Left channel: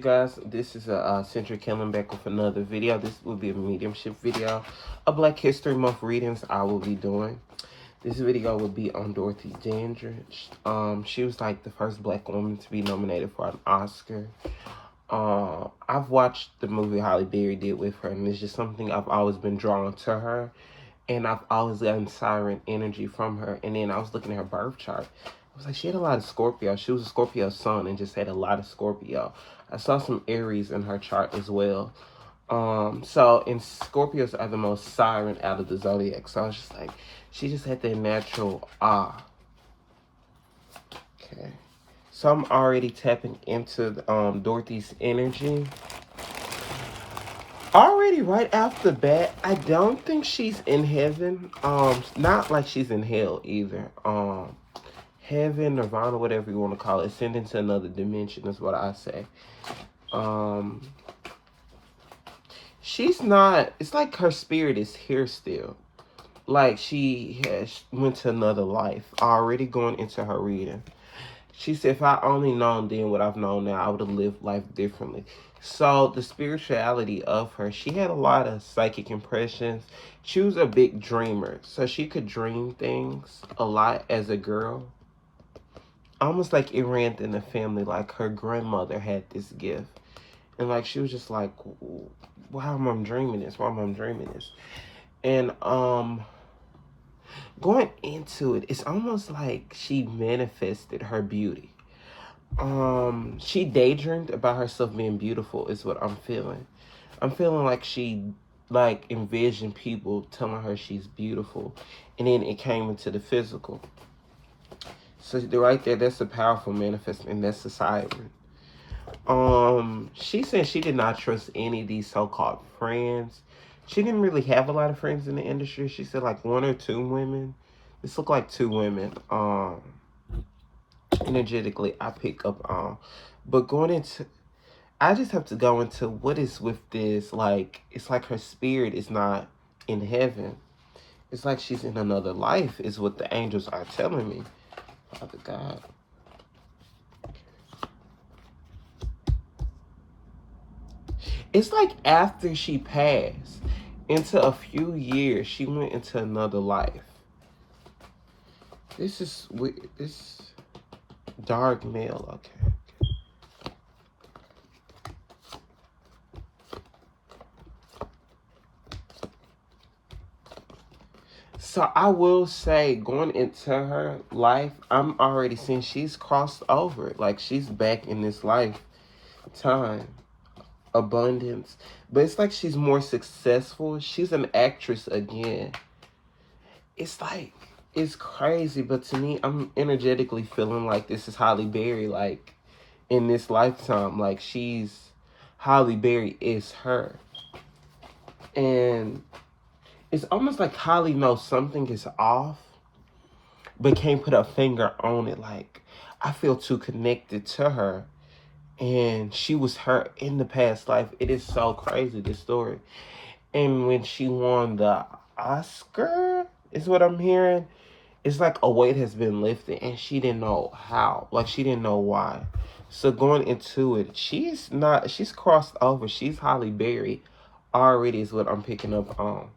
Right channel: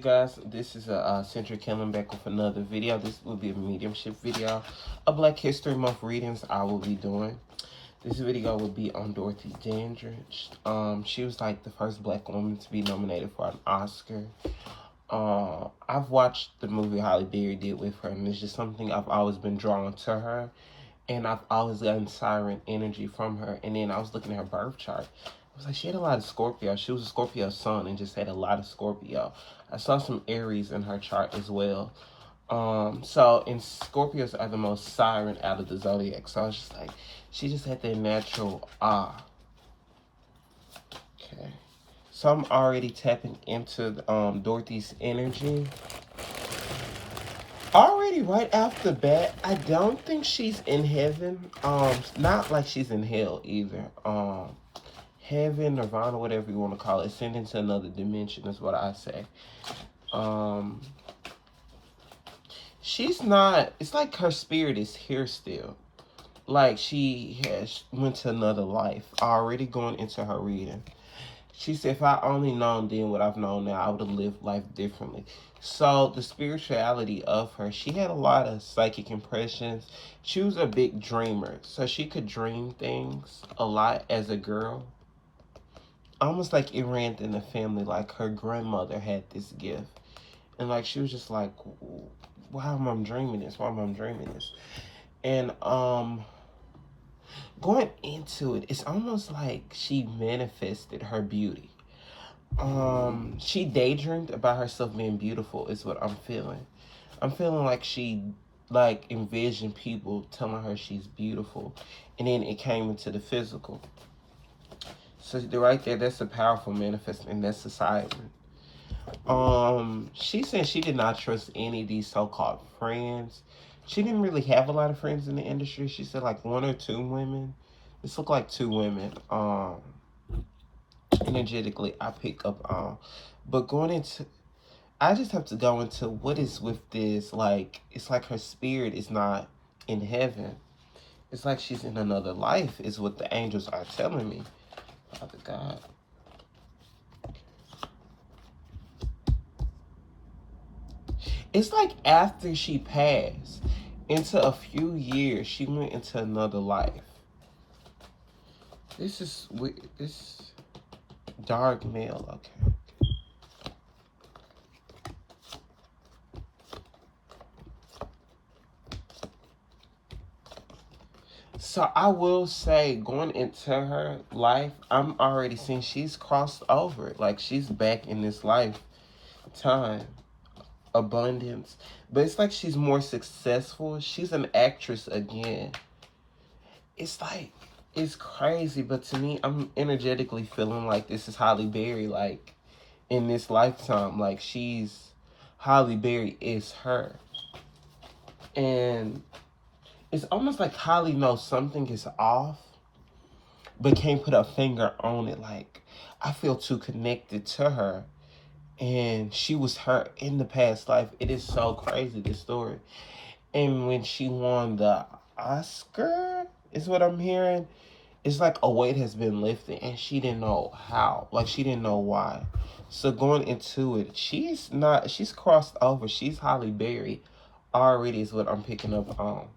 Guys, this is a Centric coming back with another video. This will be a mediumship video, a Black History Month readings I will be doing. This video will be on Dorothy Dandridge. She was like the first Black woman to be nominated for an Oscar. I've watched the movie Halle Berry did with her, and it's just something I've always been drawn to her, and I've always gotten siren energy from her. And then I was looking at her birth chart. I was like, she had a lot of Scorpio. She was a Scorpio sun and just had a lot of Scorpio. I saw some Aries in her chart as well. So, and Scorpios are the most siren out of the zodiac. So I was just like, she just had that natural Okay. So I'm already tapping into Dorothy's energy. Already right off the bat, I don't think she's in heaven. Not like she's in hell either. Heaven, nirvana, whatever you want to call it, ascending to another dimension is what I say. She's not, it's like her spirit is here still. Like she has went to another life, already going into her reading. She said, if I only known then what I've known now, I would have lived life differently. So the spirituality of her, she had a lot of psychic impressions. She was a big dreamer. So she could dream things a lot as a girl. Almost like it ran in the family, like her grandmother had this gift. And like she was just like, why am I dreaming this? Why am I dreaming this? And going into it, it's almost like she manifested her beauty. She daydreamed about herself being beautiful is what I'm feeling. I'm feeling like she like envisioned people telling her she's beautiful, and then it came into the physical. So right there, that's a powerful manifest, and that's a siren. She said she did not trust any of these so-called friends. She didn't really have a lot of friends in the industry. She said like one or two women. This looked like two women. Energetically, I pick up on. But going into, I just have to go into what is with this. Like, it's like her spirit is not in heaven. It's like she's in another life, is what the angels are telling me. Father God. It's like after she passed, into a few years, she went into another life. This is this dark male, okay. So I will say, going into her life, I'm already seeing she's crossed over. Like she's back in this lifetime. Abundance. But it's like she's more successful. She's an actress again. It's like, it's crazy. But to me, I'm energetically feeling like this is Halle Berry. Like in this lifetime, like Halle Berry is her. And it's almost like Halle knows something is off, but can't put a finger on it. Like, I feel too connected to her. And she was her in the past life. It is so crazy, this story. And when she won the Oscar, is what I'm hearing, it's like a weight has been lifted and she didn't know how. Like, she didn't know why. So going into it, she's crossed over. She's Halle Berry already is what I'm picking up on.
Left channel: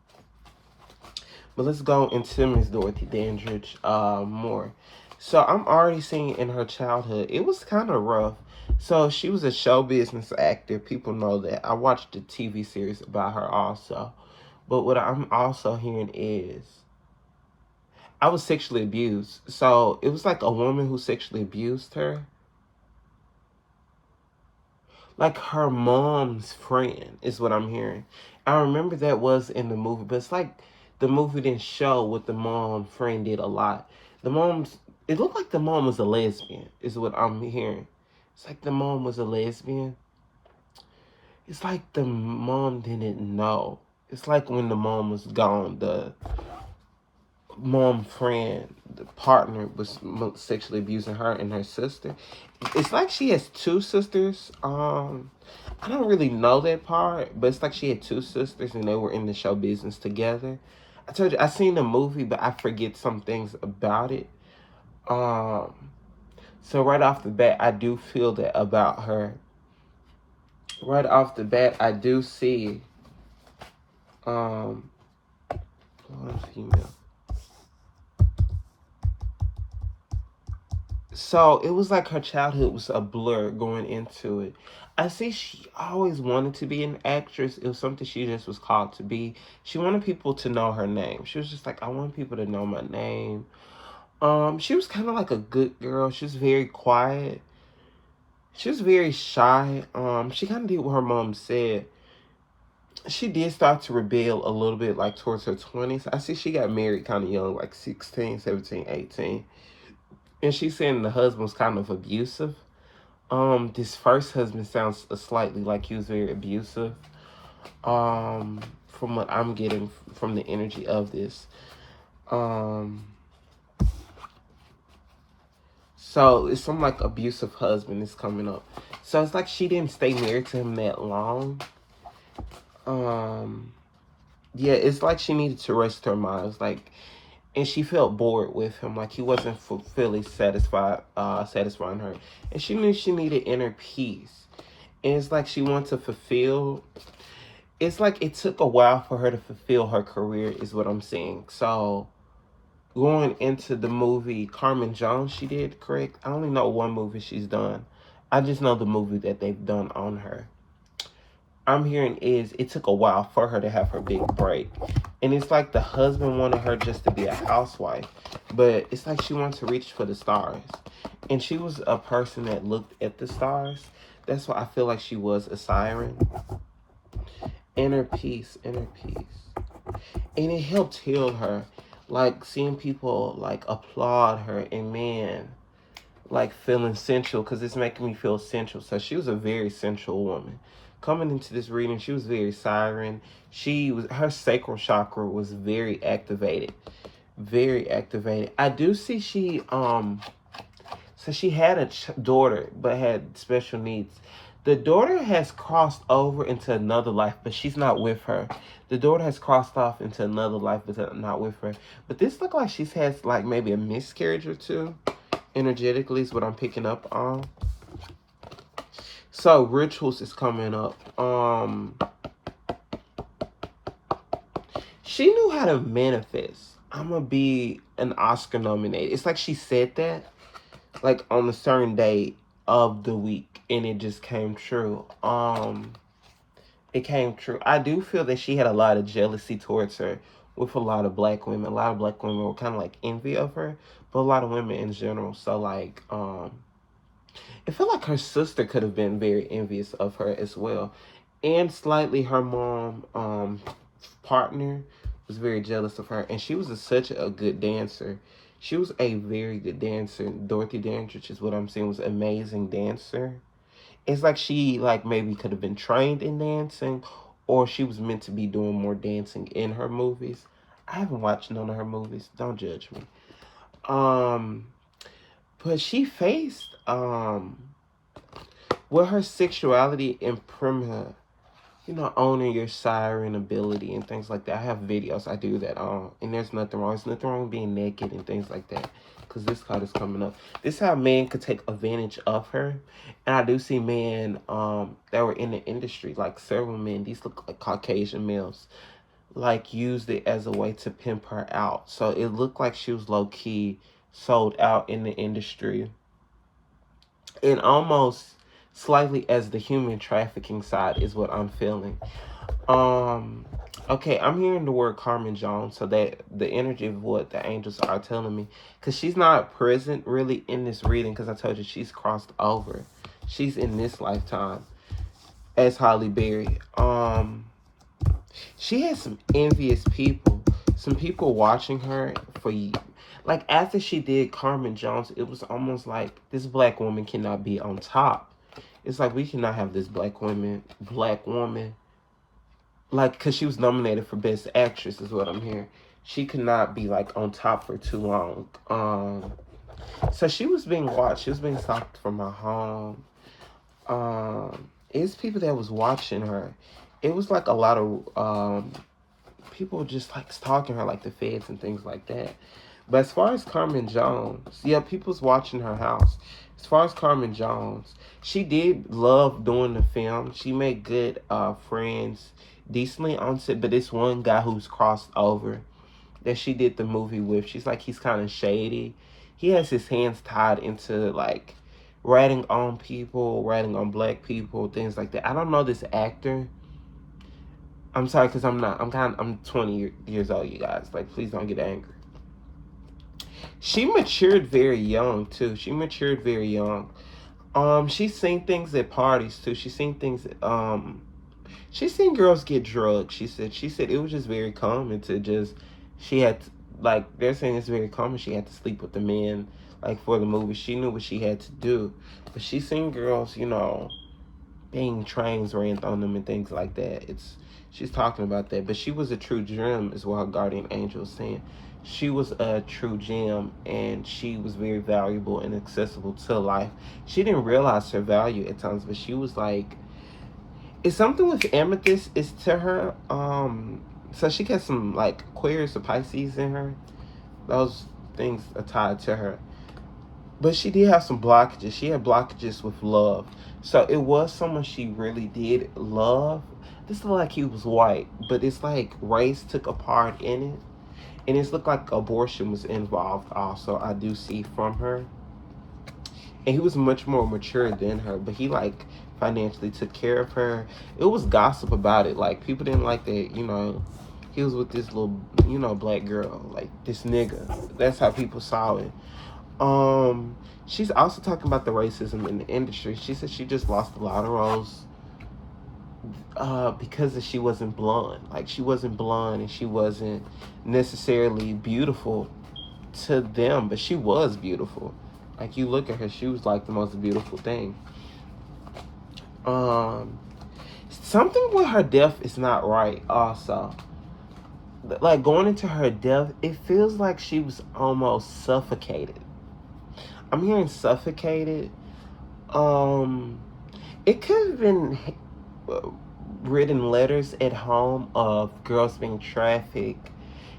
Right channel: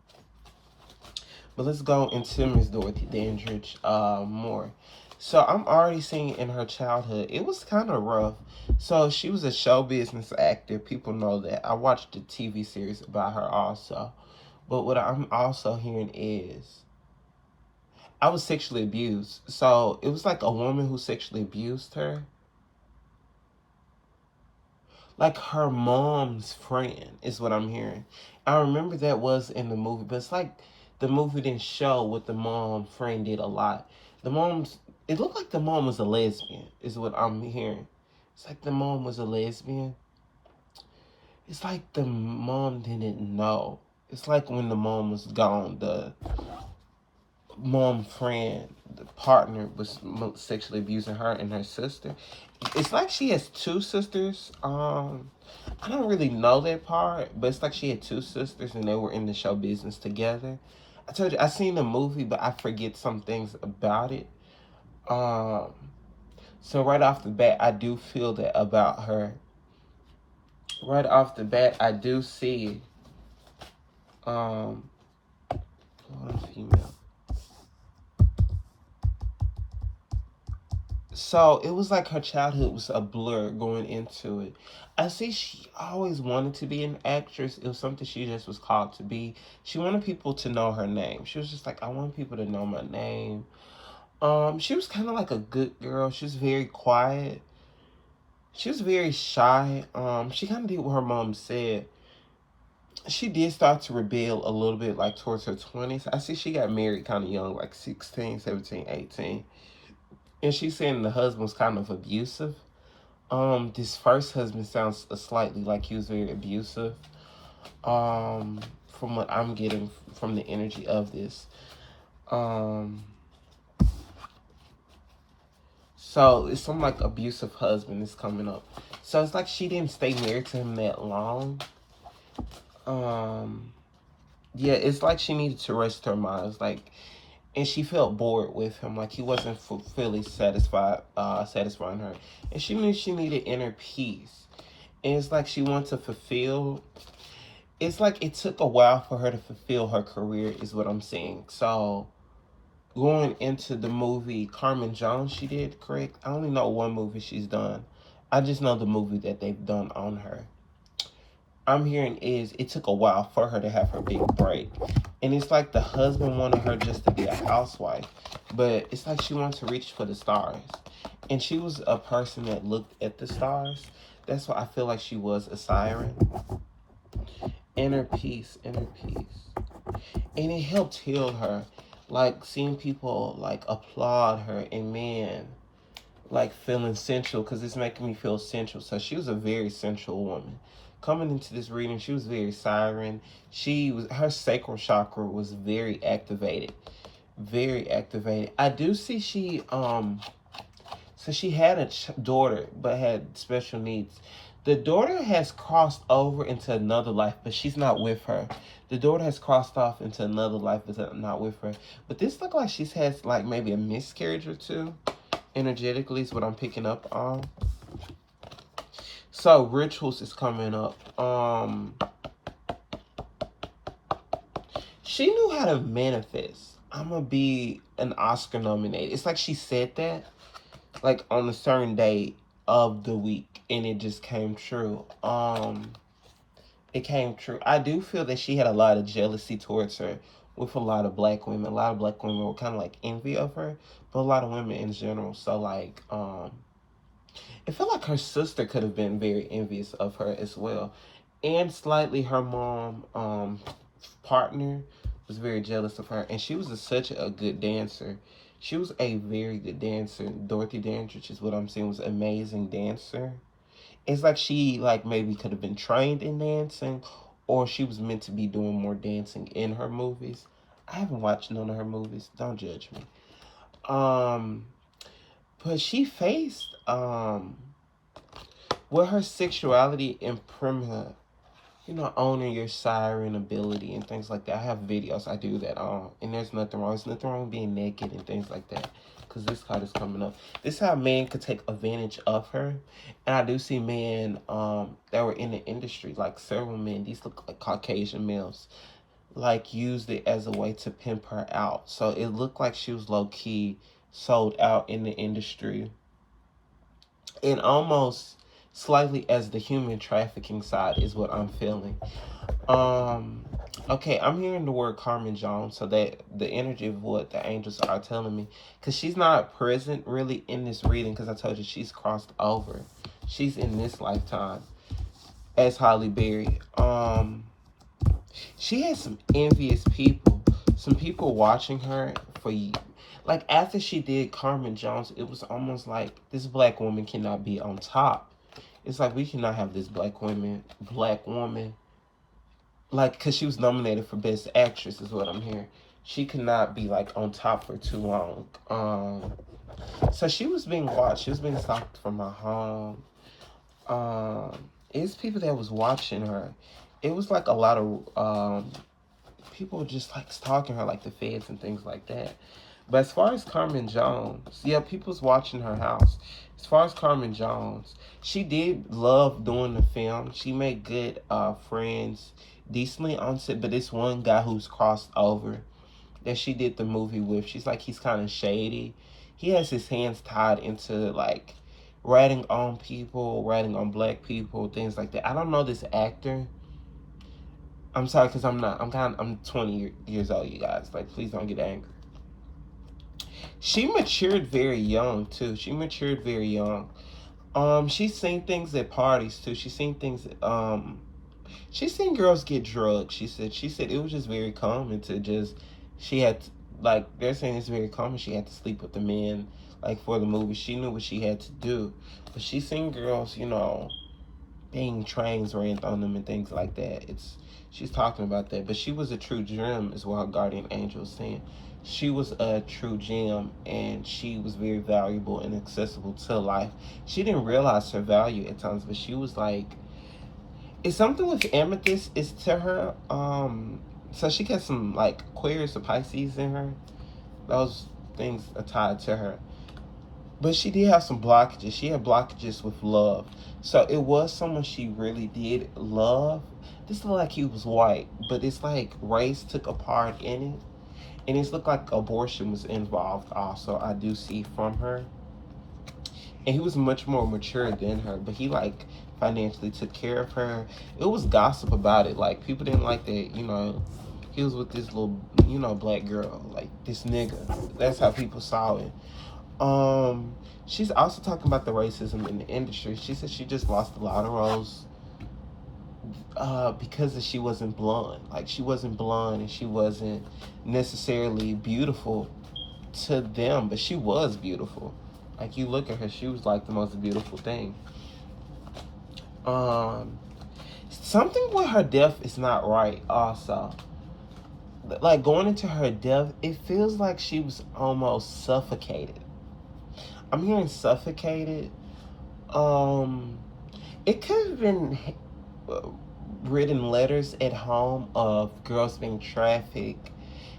But let's go into Miss Dorothy Dandridge more. So I'm already seeing in her childhood, it was kind of rough. So she was a show business actor. People know that. I watched a TV series about her also. But what I'm also hearing is I was sexually abused. So it was like a woman who sexually abused her. Like her mom's friend is what I'm hearing. I remember that was in the movie, but it's like the movie didn't show what the mom friend did a lot. It looked like the mom was a lesbian, is what I'm hearing. It's like the mom was a lesbian. It's like the mom didn't know. It's like when the mom was gone, the mom friend, the partner was sexually abusing her and her sister. It's like she has two sisters. I don't really know that part, but it's like she had two sisters and they were in the show business together. I told you, I seen the movie, but I forget some things about it. So right off the bat, I do feel that about her. right off the bat, I do see one female. So it was like her childhood was a blur going into it. I see she always wanted to be an actress. It was something she just was called to be. She wanted people to know her name. She was just like, I want people to know my name. She was kind of like a good girl. She was very quiet. She was very shy. She kind of did what her mom said. She did start to rebel a little bit, like towards her 20s. I see she got married kind of young, like 16, 17, 18. And she's saying the husband was kind of abusive. This first husband sounds slightly like he was very abusive. From what I'm getting from the energy of this. So it's some like abusive husband is coming up. So it's like she didn't stay married to him that long. Yeah, it's like she needed to rest her mind. It's like, and she felt bored with him, like he wasn't fully satisfying her, and she knew she needed inner peace. And it's like she wanted to fulfill. It's like it took a while for her to fulfill her career, is what I'm saying. So going into the movie Carmen Jones, she did correct. I only know one movie she's done. I just know the movie that they've done on her. I'm hearing is it took a while for her to have her big break. And it's like the husband wanted her just to be a housewife. But it's like she wanted to reach for the stars. And she was a person that looked at the stars. That's why I feel like she was a siren. Inner peace, inner peace. And it helped heal her. Like seeing people like applaud her and man, like feeling sensual because it's making me feel sensual. So she was a very sensual woman. Coming into this reading, she was very siren. Her sacral chakra was very activated. Very activated. I do see so she had a daughter but had special needs. The daughter has crossed over into another life, but she's not with her. The daughter has crossed off into another life, but not with her. But this looks like she's had like maybe a miscarriage or two. Energetically is what I'm picking up on. So rituals is coming up. She knew how to manifest. I'm gonna be an Oscar nominated. It's like she said that, like on a certain day of the week, and it just came true. It came true. I do feel that she had a lot of jealousy towards her with a lot of black women. A lot of black women were kind of like envy of her, but a lot of women in general. So like, it felt like her sister could have been very envious of her as well. And slightly her mom, partner was very jealous of her. And she was such a good dancer. She was a very good dancer. Dorothy DANDRIGE is what I'm saying, was an amazing dancer. It's like she like maybe could have been trained in dancing, or she was meant to be doing more dancing in her movies. I haven't watched none of her movies. Don't judge me. But she faced with her sexuality and her, owning your siren ability and things like that. I have videos I do that and there's nothing wrong. There's nothing wrong with being naked and things like that. Because this card is coming up. This is how men could take advantage of her. And I do see men that were in the industry, like several men, these look like Caucasian males, like used it as a way to pimp her out. So it looked like she was low-key sold out in the industry. And almost slightly as the human trafficking side is what I'm feeling. Okay, I'm hearing the word Carmen Jones, so that the energy of what the angels are telling me, because she's not present really in this reading, because I told you she's crossed over. She's in this lifetime as Holly Berry. She has some envious people, some people watching her for like after she did Carmen Jones, it was almost like this black woman cannot be on top. It's like we cannot have this black woman, like, because she was nominated for Best Actress is what I'm hearing. She could not be like on top for too long. So she was being watched. She was being stalked from her home. It's people that was watching her. It was like a lot of people just like stalking her, like the feds and things like that. But as far as Carmen Jones, yeah, people's watching her house. As far as Carmen Jones, she did love doing the film. She made good friends, decently on set. But this one guy who's crossed over that she did the movie with, she's like, he's kind of shady. He has his hands tied into like ratting on people, ratting on black people, things like that. I don't know this actor. I'm sorry, because I'm 20 years old, you guys. Like, please don't get angry. She matured very young too. She matured very young. She's seen things at parties too. She's seen things. She's seen girls get drugged. She said it was just very common to just. She had like they're saying it's very common. She had to sleep with the men like for the movie. She knew what she had to do, but she's seen girls, being trains ran on them and things like that. She's talking about that, but she was a true gem, is what her guardian angel was saying. She was a true gem, and she was very valuable and accessible to life. She didn't realize her value at times, but she was like, it's something with amethyst is to her. So she got some like Aquarius or Pisces in her. Those things are tied to her. But she did have some blockages. She had blockages with love. So it was someone she really did love. This looked like he was white, but it's like race took a part in it. And it's looked like abortion was involved also, I do see from her. And he was much more mature than her, but he like financially took care of her. It was gossip about it. Like people didn't like that, he was with this little, black girl, like this nigga. That's how people saw it. She's also talking about the racism in the industry. She said she just lost a lot of roles because she wasn't blonde. Like she wasn't blonde and she wasn't necessarily beautiful to them, but she was beautiful. Like you look at her, she was like the most beautiful thing. Something with her death is not right also. Like going into her death, it feels like she was almost suffocated. I'm hearing suffocated. It could have been written letters at home of girls being trafficked.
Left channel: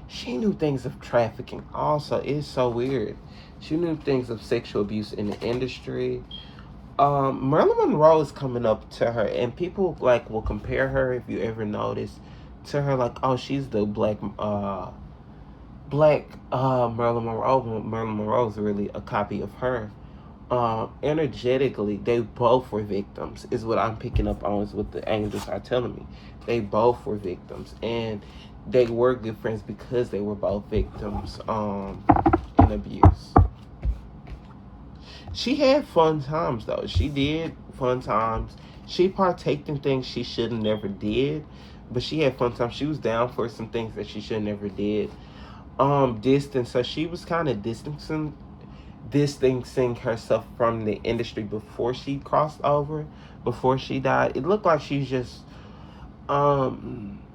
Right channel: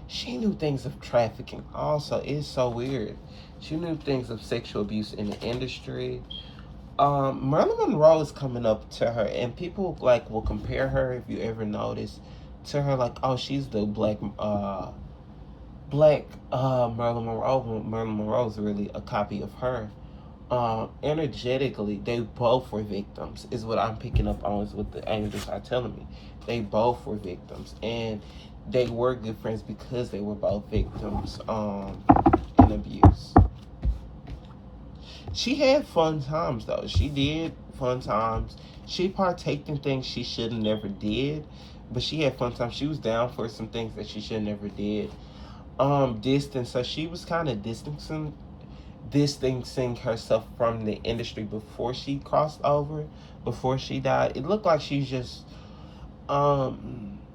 She knew things of trafficking also. It's so weird. She knew things of sexual abuse in the industry. Marilyn Monroe is coming up to her, and people like will compare her, if you ever notice, to her, like, oh, she's the black Marilyn Monroe. Marilyn Monroe is really a copy of her. Energetically, they both were victims, is what I'm picking up on, is what the angels are telling me. They both were victims, and they were good friends because they were both victims in abuse. She had fun times though. She did fun times. She partaked in things she should have never did, but she had fun times. She was down for some things that she should have never did. Distance. So she was kind of distancing herself from the industry before she crossed over, before she died. It looked like she just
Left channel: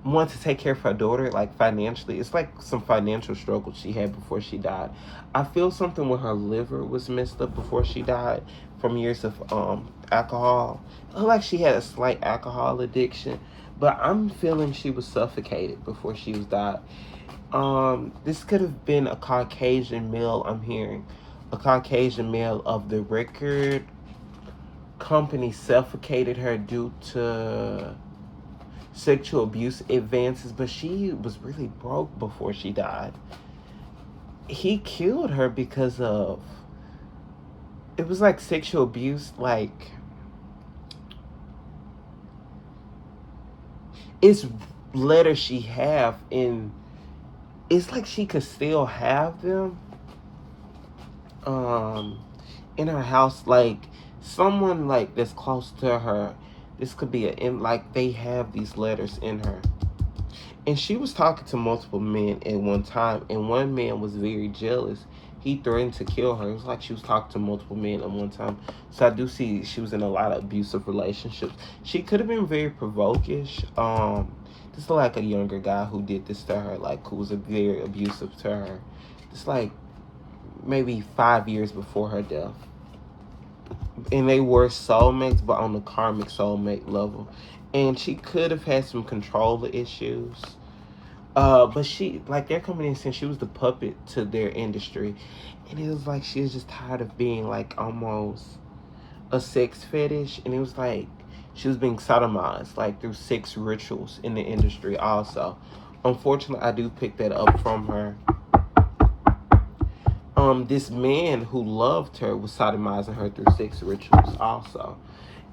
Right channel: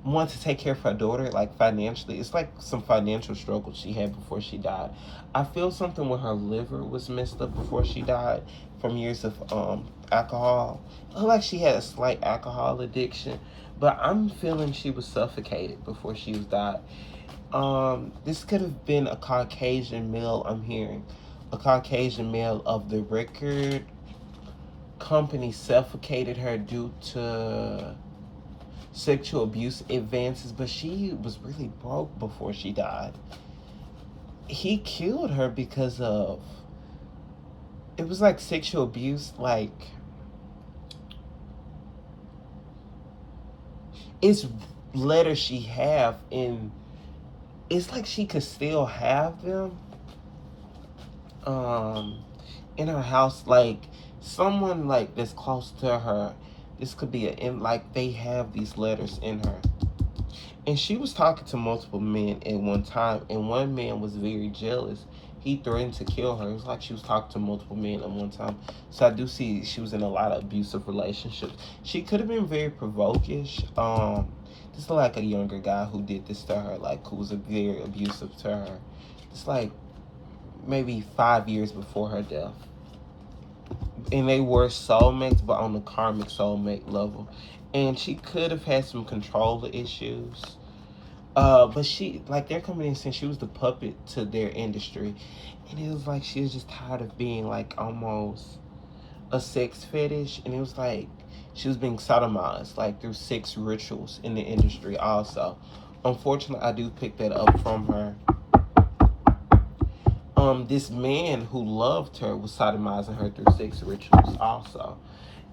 wanted to take care of her daughter, like financially. It's like some financial struggles she had before she died. I feel something with her liver was messed up before she died from years of alcohol. I feel like she had a slight alcohol addiction, but I'm feeling she was suffocated before she was died. This could have been a Caucasian male, I'm hearing. A Caucasian male of the record company suffocated her due to sexual abuse advances, but she was really broke before she died. He killed her because of, it was like sexual abuse, like, it's letters she have, and it's like she could still have them in her house, like someone like that's close to her. This could be like they have these letters in her. And she was talking to multiple men at one time, and one man was very jealous. He threatened to kill her. It was like she was talking to multiple men at one time. So I do see she was in a lot of abusive relationships. She could have been very provokish. This is like a younger guy who did this to her, like who was very abusive to her. It's like maybe 5 years before her death. And they were soulmates, but on the karmic soulmate level. And she could have had some control issues. But she, like, they're coming in saying she was the puppet to their industry. And it was like she was just tired of being, like, almost a sex fetish. And it was like she was being sodomized, like, through sex rituals in the industry also. Unfortunately, I do pick that up from her. This man who loved her was sodomizing her through sex rituals also.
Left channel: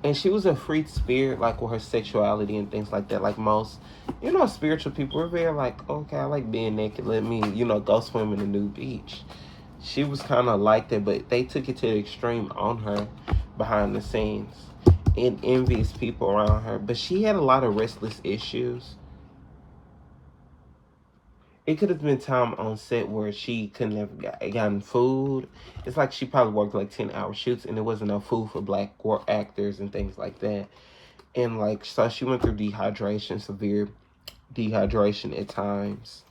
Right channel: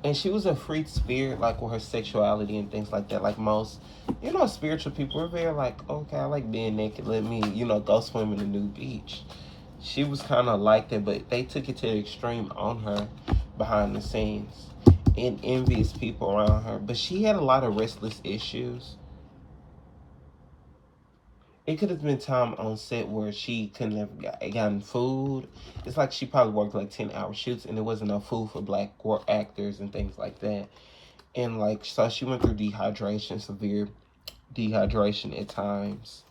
And she was a free spirit, like with her sexuality and things like that. Like most, spiritual people are very like, okay, I like being naked. Let me, go swim in a new beach. She was kind of like that, but they took it to the extreme on her behind the scenes and envious people around her. But she had a lot of restless issues. It could have been time on set where she couldn't have gotten food. It's like she probably worked like 10-hour shoots and there wasn't enough food for black actors and things like that. And like, so she went through dehydration, severe dehydration at times.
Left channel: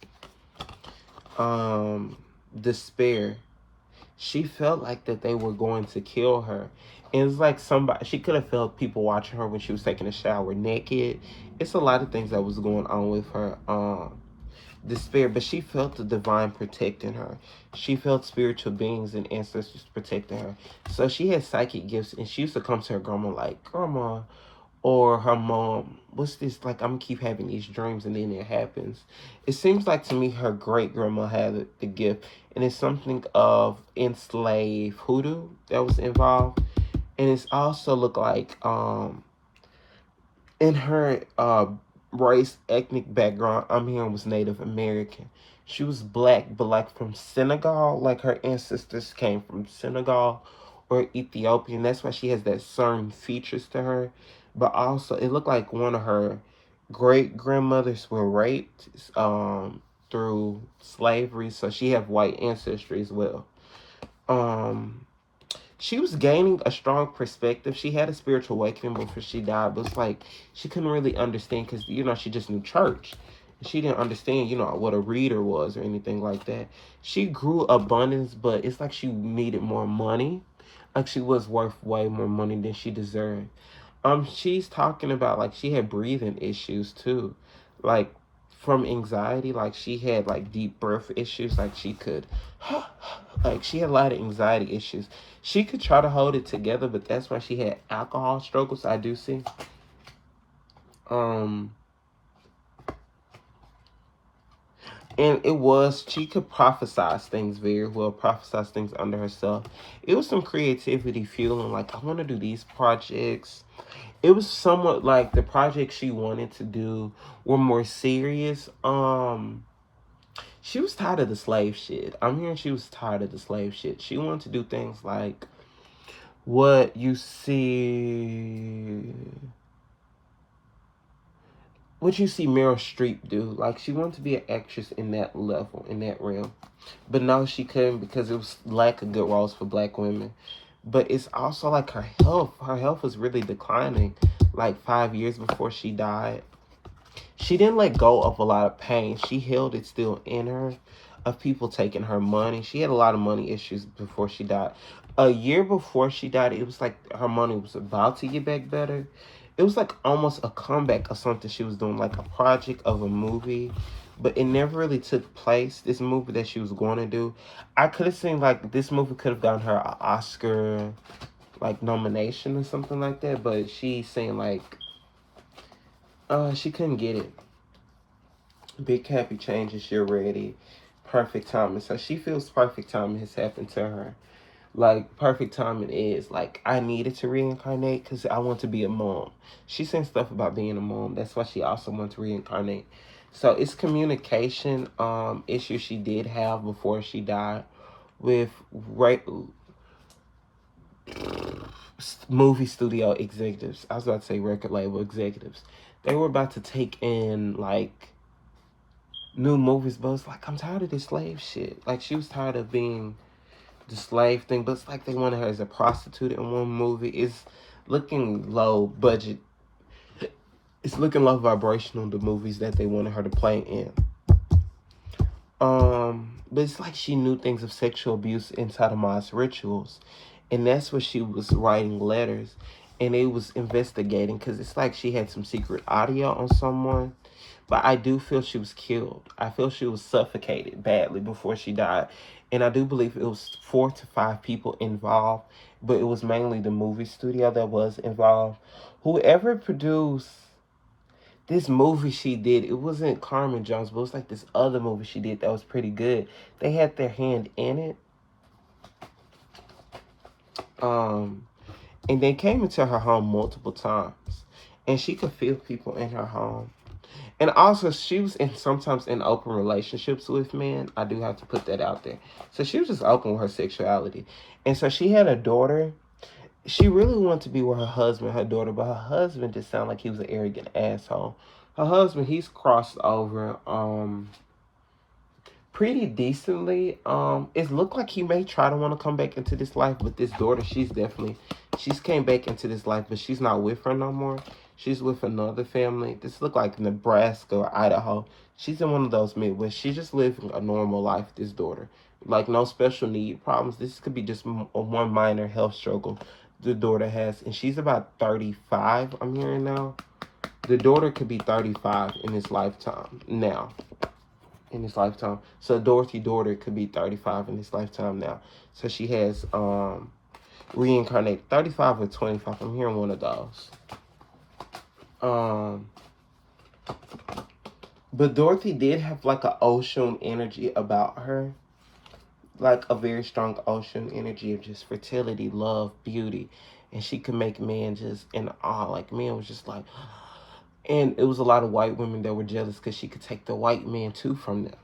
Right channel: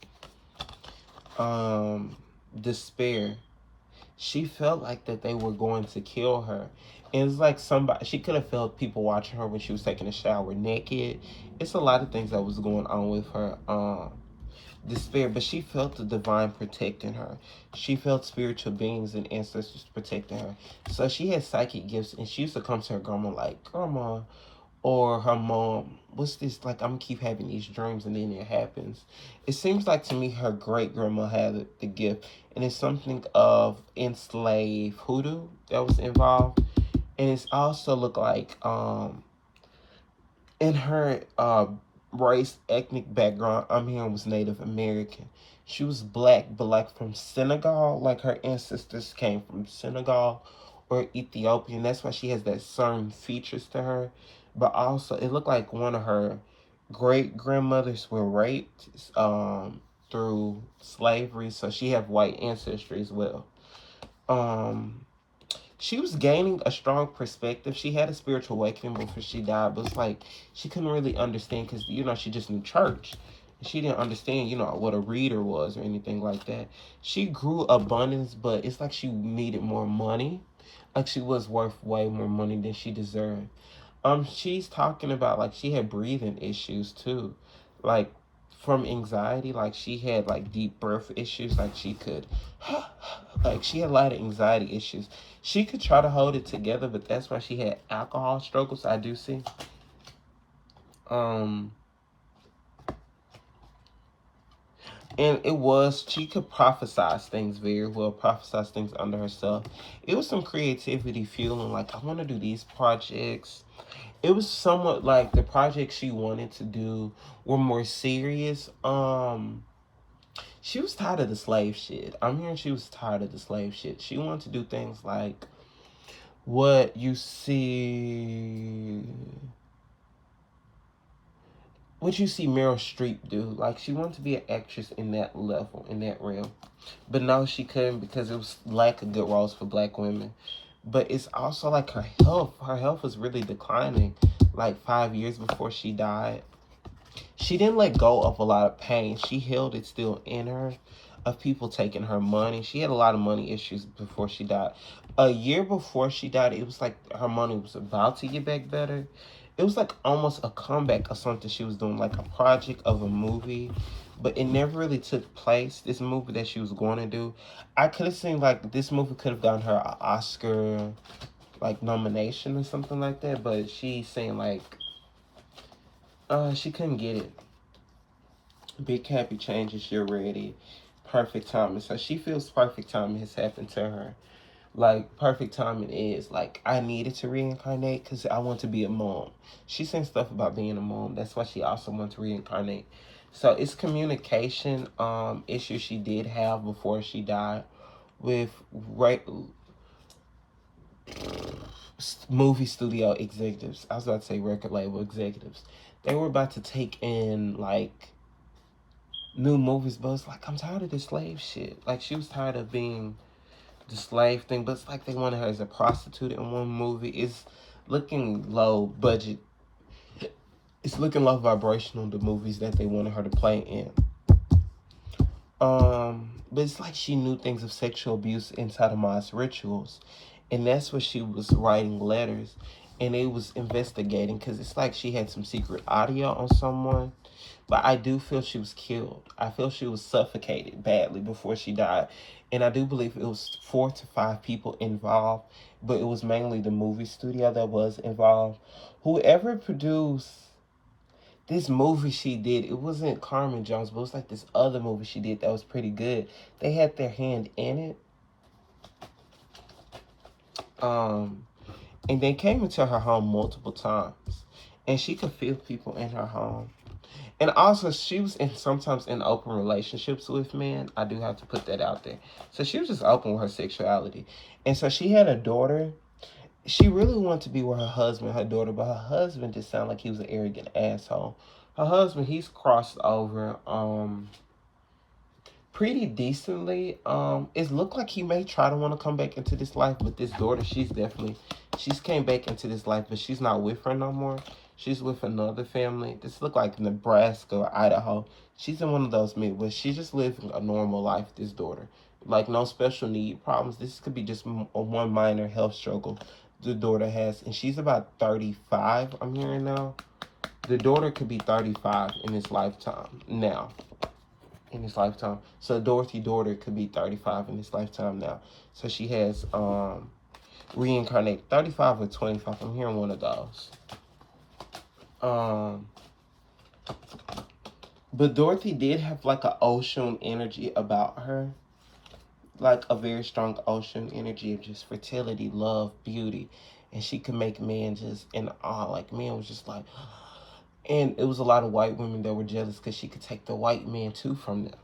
Despair. She felt like that they were going to kill her. And it's like she could have felt people watching her when she was taking a shower naked. It's a lot of things that was going on with her. Despair, but she felt the divine protecting her. She felt spiritual beings and ancestors protecting her. So she had psychic gifts, and she used to come to her grandma like, Grandma, or her mom, what's this? Like, I'm gonna keep having these dreams, and then it happens. It seems like to me her great grandma had the gift, and it's something of enslaved hoodoo that was involved, and it's also looked like in her race, ethnic background, I'm hearing was Native American. She was black, but like from Senegal, like her ancestors came from Senegal or Ethiopian. That's why she has that certain features to her. But also, it looked like one of her great grandmothers were raped through slavery, so she have white ancestry as well. She was gaining a strong perspective. She had a spiritual awakening before she died, but it's like she couldn't really understand because, she just knew church. She didn't understand, what a reader was or anything like that. She grew abundance, but it's like she needed more money. Like she was worth way more money than she deserved. She's talking about like she had breathing issues too. Like from anxiety, like she had like deep breath issues, like she could like she had a lot of anxiety issues. She could try to hold it together, but that's why she had alcohol struggles, I do see. Um and she could prophesize things very well, prophesize things under herself. It was some creativity fueling, like I want to do these projects. It was somewhat like the projects she wanted to do were more serious. She was tired of the slave shit. I'm hearing she was tired of the slave shit. She wanted to do things like what you see Meryl Streep do. Like she wanted to be an actress in that level, in that realm. But now she couldn't because it was lack of good roles for black women. But it's also like her health. Her health was really declining like 5 years before she died. She didn't let go of a lot of pain. She held it still in her of people taking her money. She had a lot of money issues before she died. A year before she died, it was like her money was about to get back better. It was like almost a comeback of something she was doing, like a project of a movie, but it never really took place. This movie that she was going to do, I could have seen like this movie could have gotten her an Oscar like nomination or something like that, but she's saying like she couldn't get it. Big happy changes, you're ready. Perfect timing. So she feels perfect timing has happened to her. Like perfect timing is like I needed to reincarnate because I want to be a mom. She's saying stuff about being a mom. That's why she also wants to reincarnate. So it's communication issues she did have before she died with movie studio executives. I was about to say record label executives. They were about to take in like new movies, but it's like I'm tired of this slave shit. Like she was tired of being the slave thing, but it's like they wanted her as a prostitute in one movie. It's looking low budget. It's looking low vibrational, the movies that they wanted her to play in. But it's like she knew things of sexual abuse inside of Ma's rituals. And that's what she was writing letters. and it was investigating because it's like she had some secret audio on someone. But I do feel she was killed. I feel she was suffocated badly before she died. And I do believe it was 4 to 5 people involved, but it was mainly the movie studio that was involved. Whoever produced this movie she did, it wasn't Carmen Jones, but it was like this other movie she did that was pretty good. They had their hand in it. And they came into her home multiple times. And she could feel people in her home. And also, she was sometimes in open relationships with men. I do have to put that out there. So she was just open with her sexuality. And so she had a daughter. She really wanted to be with her husband, her daughter, but her husband just sounded like he was an arrogant asshole. Her husband, he's crossed over pretty decently. It looked like he may try to want to come back into this life, but this daughter, she's came back into this life, but she's not with her no more. She's with another family. This look like Nebraska or Idaho. She's in one of those Midwest. She's just living a normal life, this daughter. Like, no special need problems. This could be just one minor health struggle the daughter has. And she's about 35, I'm hearing now. The daughter could be 35 in this lifetime now. In this lifetime. So Dorothy daughter could be 35 in this lifetime now. So she has reincarnated 35 or 25. I'm hearing one of those. But Dorothy did have like an ocean energy about her. Like a very strong ocean energy of just fertility, love, beauty. And she could make men just in awe. Like, men was just like... And it was a lot of white women that were jealous because she could take the white men too from them.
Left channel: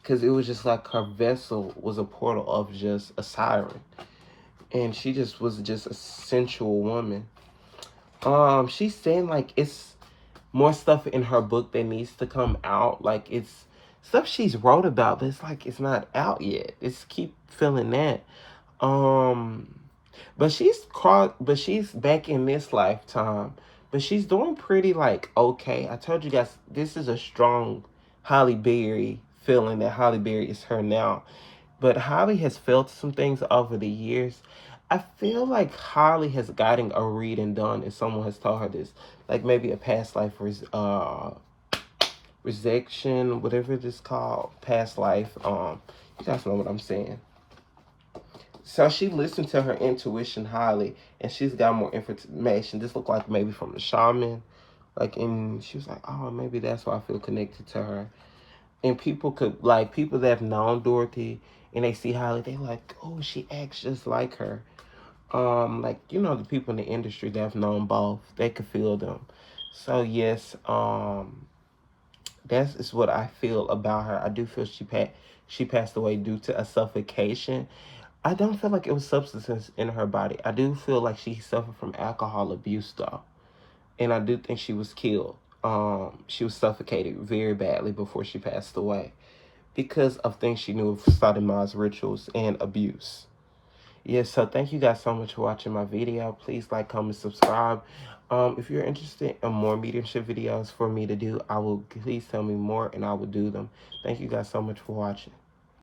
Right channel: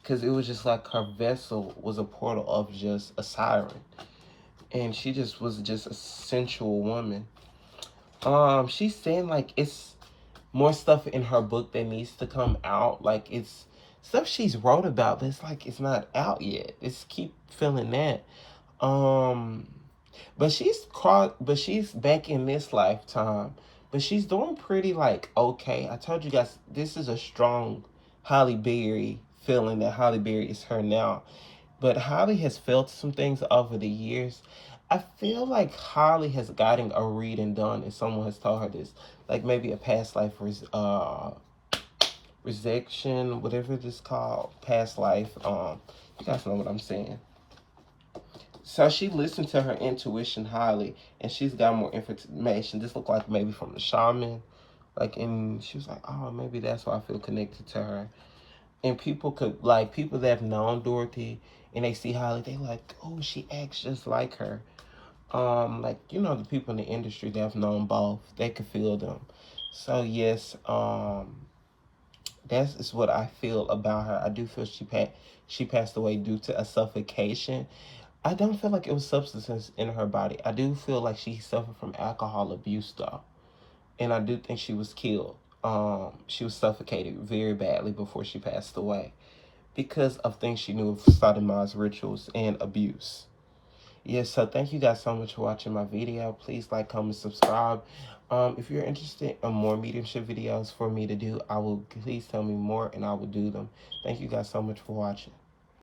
Because it was just like her vessel was a portal of just a siren. And she just was just a sensual woman. She's saying like it's more stuff in her book that needs to come out. Like it's stuff she's wrote about, but it's like it's not out yet. It's keep feeling that. But she's back in this lifetime. But she's doing pretty like okay. I told you guys this is a strong Holly Berry feeling that Holly Berry is her now. But Holly has felt some things over the years. I feel like Holly has gotten a reading done and someone has told her this. Like maybe a past life resection, whatever this called, past life. You guys know what I'm saying. So she listened to her intuition highly, and she's got more information. This looked like maybe from the shaman. Like, and she was like, oh, maybe that's why I feel connected to her. And people could, like, people that have known Dorothy, and they see Holly, they like, oh, she acts just like her. Like, you know, the people in the industry that have known both, they could feel them. So, yes, that is what I feel about her. I do feel she passed away due to a suffocation. I don't feel like it was substances in her body. I do feel like she suffered from alcohol abuse, though. And I do think she was killed. She was suffocated very badly before she passed away because of things she knew of sodomized rituals and abuse. Yes, so thank you guys so much for watching my video. Please like, comment, subscribe. If you're interested in more mediumship videos for me to do, please tell me more and I will do them. Thank you guys so much for watching.